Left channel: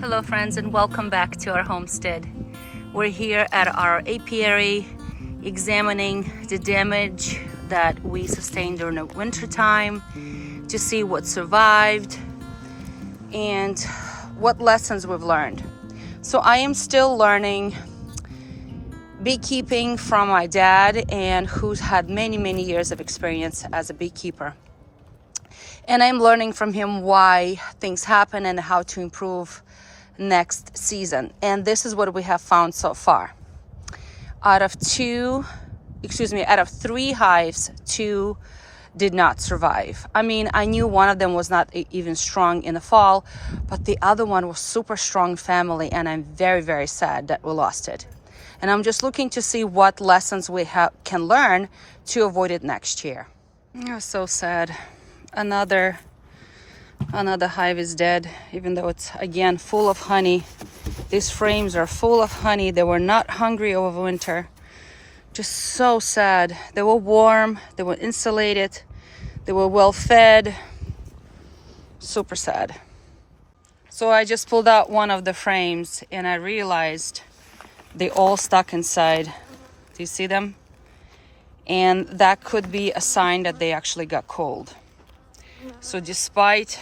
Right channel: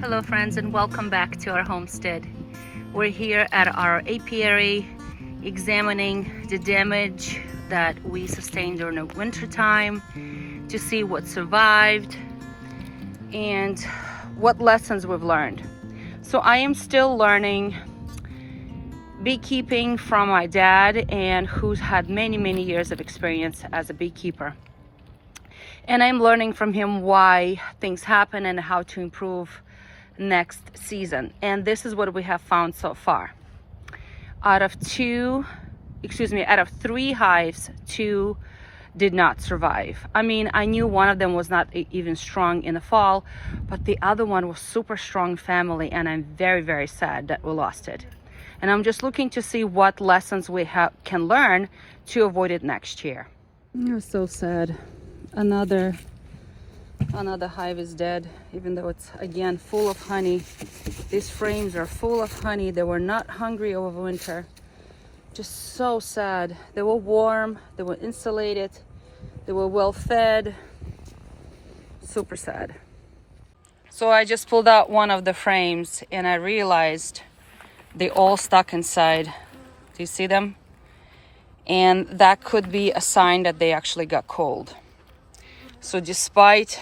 Hello friends, and welcome back to our homestead. We're here at our apiary examining the damage that we sustained during the winter time to see what survived and what lessons we've learned. So I am still learning beekeeping from my dad, and who's had many years of experience as a beekeeper. And I'm learning from him why things happen and how to improve next season. And this is what we have found so far. Out of three hives, two did not survive. I mean, I knew one of them was not even strong in the fall, but the other one was super strong family, and I'm very sad that we lost it. And I'm just looking to see what lessons we can learn to avoid it next year. Oh, so sad. Another hive is dead, even though it's again full of honey. These frames are full of honey. They were not hungry over winter. Just so sad. They were warm, they were insulated, they were well fed. Super sad. So I just pulled out one of the frames and I realized they all stuck inside. Do you see them? And that could be a sign that they actually got cold. So despite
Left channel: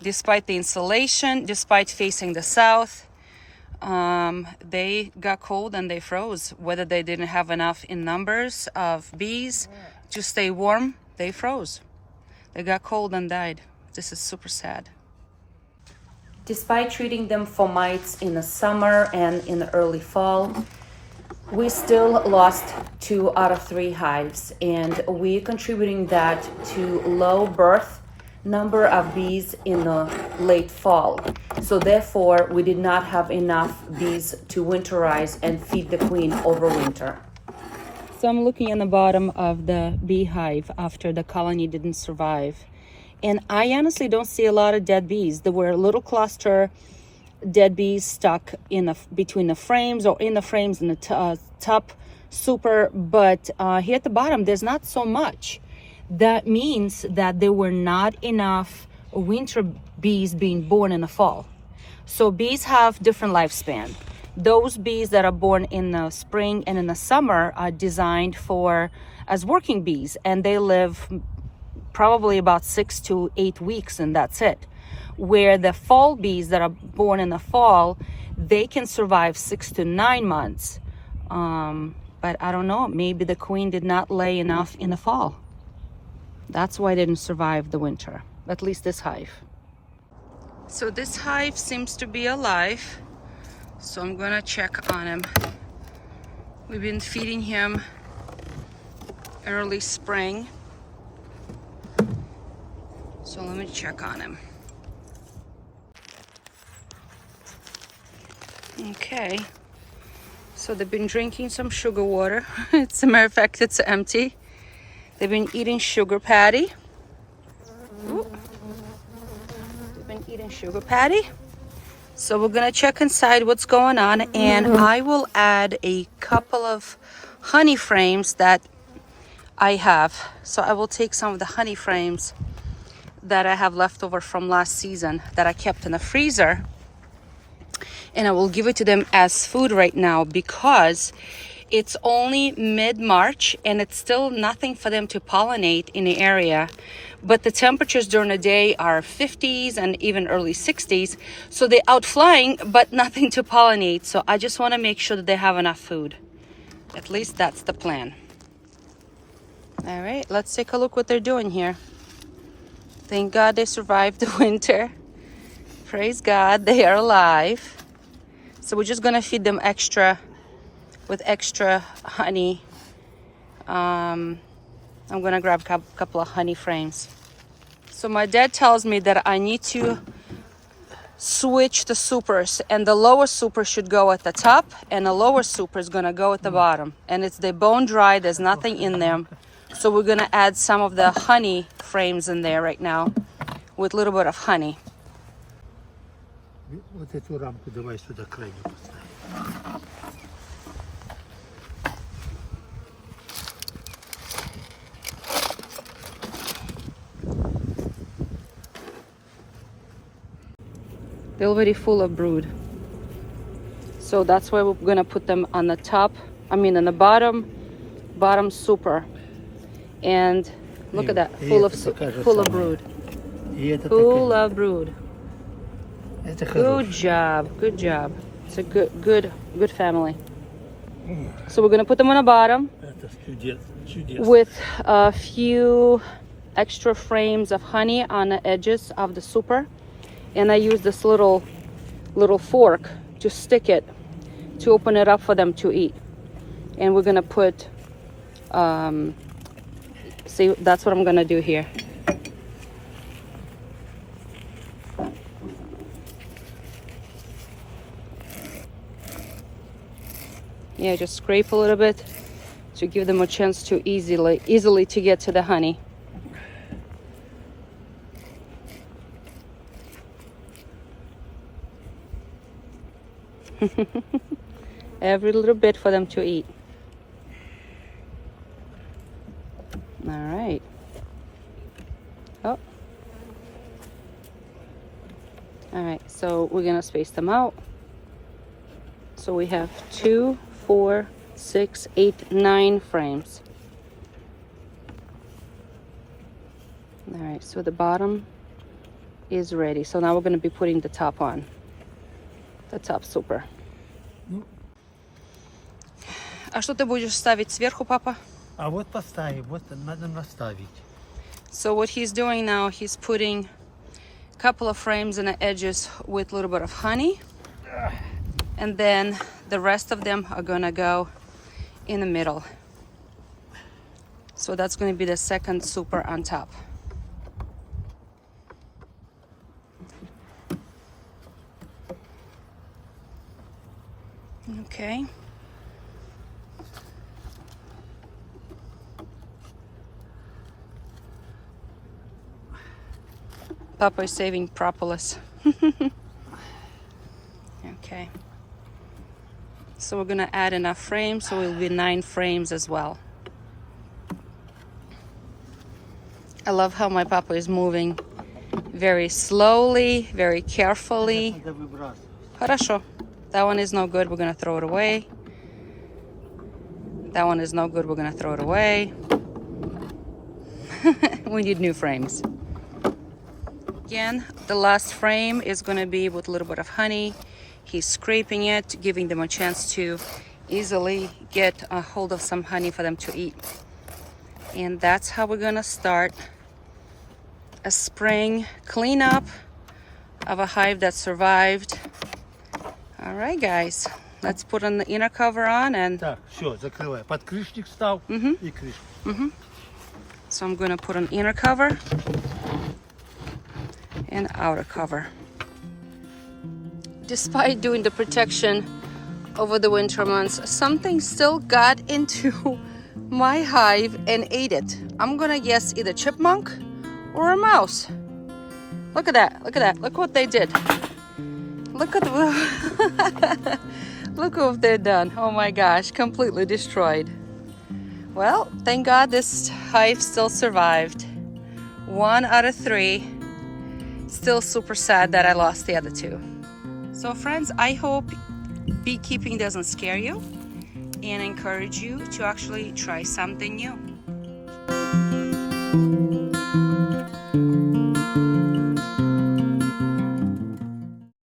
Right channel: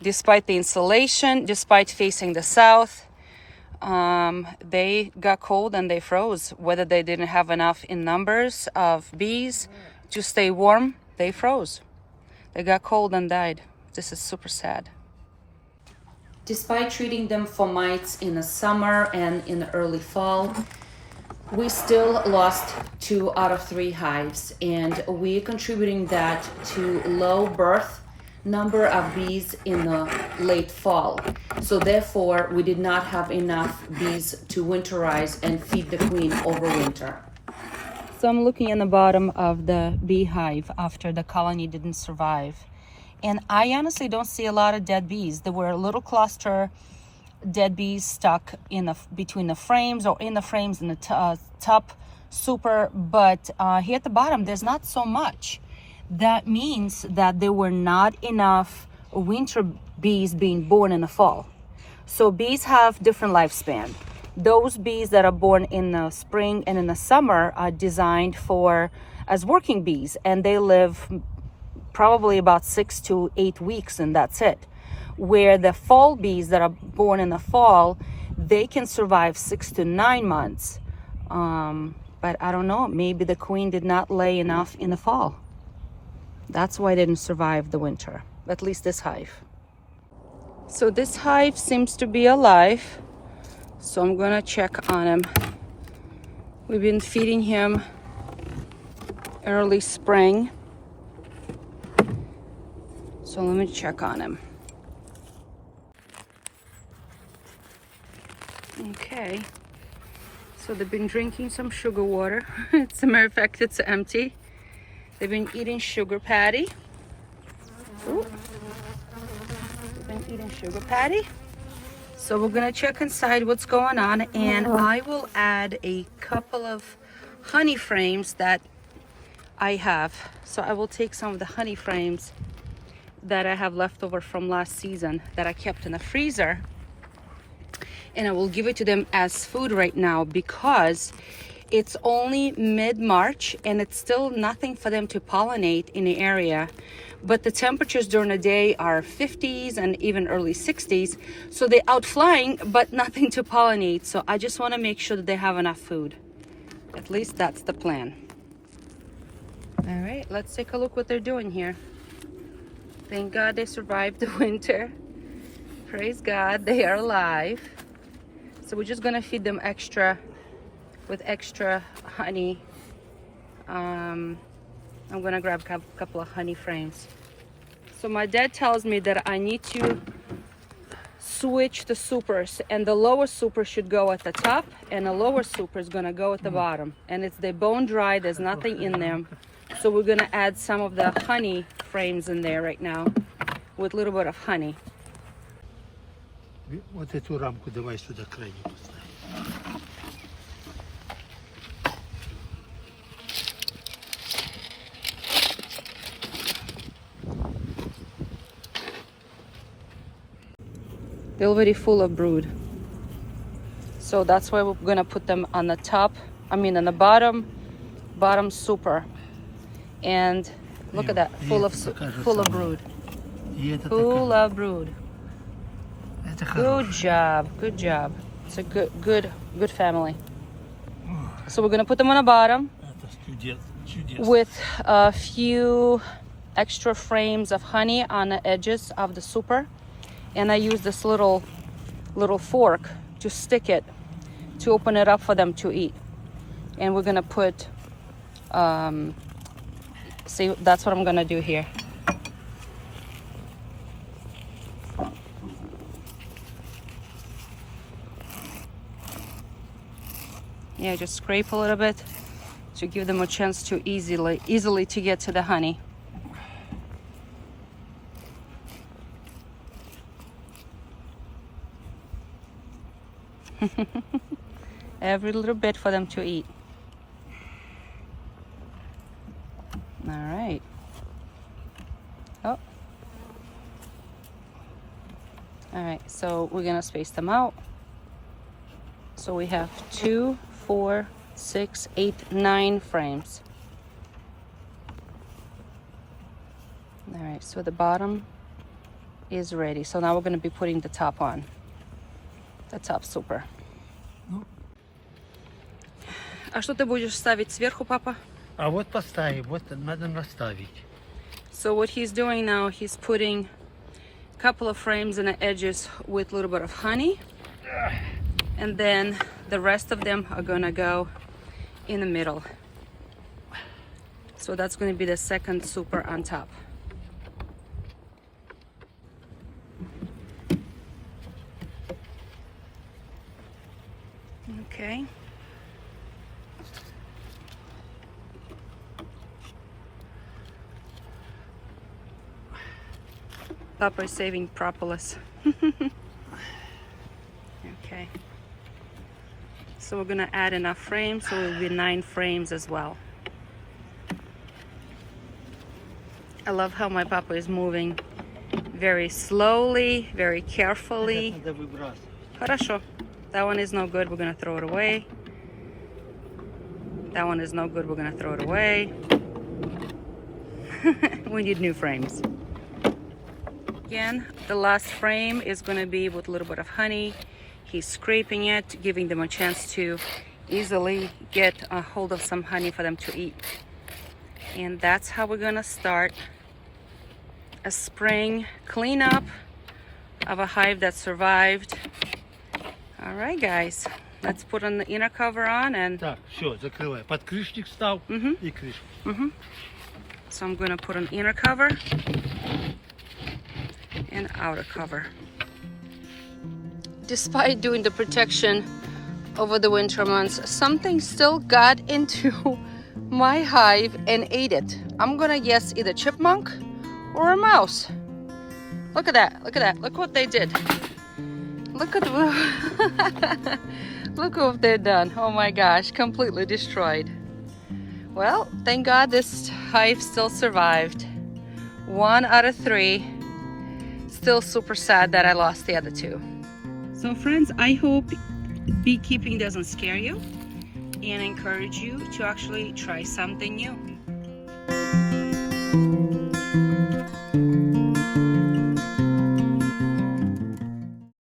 the insulation, despite facing the south, they got cold and they froze. Whether they didn't have enough in numbers of bees to stay warm, they froze. They got cold and died. This is super sad. Despite treating them for mites in the summer and in the early fall, we still lost 2 out of 3 hives, and we're contributing that to low birth number of bees in the late fall. So therefore, we did not have enough bees to winterize and feed the queen over winter. So I'm looking in the bottom of the beehive after the colony didn't survive. And I honestly don't see a lot of dead bees. There were a little cluster dead bees stuck in between the frames or in the frames in the top super, but here at the bottom there's not so much. That means that there were not enough winter bees being born in the fall. So bees have different lifespan. Those bees that are born in the spring and in the summer are designed as working bees, and they live probably about 6 to 8 weeks, and that's it. Where the fall bees that are born in the fall, they can survive 6 to 9 months. But I don't know, maybe the queen did not lay enough in the fall. That's why they didn't survive the winter, at least this hive. So this hive seems to be alive, so I'm gonna check on him. We've been feeding him early spring, so let me check on him. Okay, so they've been drinking some sugar water. As a matter of fact, it's empty. They've been eating sugar patty. Ooh. They've been eating sugar patty. So we're gonna check inside what's going on, and I will add a couple of honey frames that I have. So I will take some of the honey frames that I have left over from last season that I kept in the freezer, and I will give it to them as food right now because it's only mid-March and it's still nothing for them to pollinate in the area. But the temperatures during the day are 50s and even early 60s. So they're out flying, but nothing to pollinate. So I just want to make sure that they have enough food. At least that's the plan. All right, let's take a look what they're doing here. Thank God they survived the winter. Praise God, they are alive. So we're just gonna feed them with extra honey. I'm gonna grab a couple of honey frames. So my dad tells me that I need to switch the supers, and the lower super should go at the top and the lower super is gonna go at the bottom. And they're bone dry, there's nothing in them. So we're gonna add some of the honey frames in there right now with a little bit of honey. Вот эту рамку давай сюда крайне. They're already full of brood. So that's why we're gonna put them on the top, on the bottom super. And look at that, full of brood. Full of brood. Good job, good job. It's a good family. So we're gonna put them on the bottom with a few extra frames of honey on the edges of the super, and I use this little fork to stick it to open it up for them to eat. And we're gonna put see, that's what I'm gonna do here. Yeah, just scrape a little bit to give them a chance to easily to get to the honey. Every little bit for them to eat. All right. Oh. All right, so we're gonna space them out. So we have 2, 4, 6, 8, 9 frames. All right, so the bottom is ready. So now we're going to be putting the top on. The top super. А что ты будешь ставить сверху, папа? А вот поставим, вот надо наставить. So what he's doing now, he's putting a couple of frames in the edges with a little bit of honey. And then the rest of them are gonna go in the middle. So that's gonna be the second super on top. Okay. Papa is saving propolis. Okay. So we're gonna add enough frames, so it will be 9 frames as well. I love how my papa is moving very slowly, very carefully. Хорошо. That one is no good, we're gonna throw it away. That one is no good, we're gonna throw it away. We need new frames. Again, the last frame is gonna be with a little bit of honey. He's scraping it, giving them a chance to easily get a hold of some honey for them to eat. And that's how we're gonna start a spring cleanup of a hive that survived. All right, guys, let's put on the inner cover on and... Так, все, закрывай. Подкрышник стал и крышку. So I'm gonna put an inner cover and outer cover. Despite doing the protection over the winter months, something still got into my hive and ate it. I'm gonna guess either chipmunk or a mouse. Look at that, look at that, look what they did. Look at look what they've done. Oh my gosh, completely destroyed. Well, thank God this hive still survived. 1 out of 3. Still super sad that I lost the other 2. So friends, I hope beekeeping doesn't scare you and encourage you to actually try something new.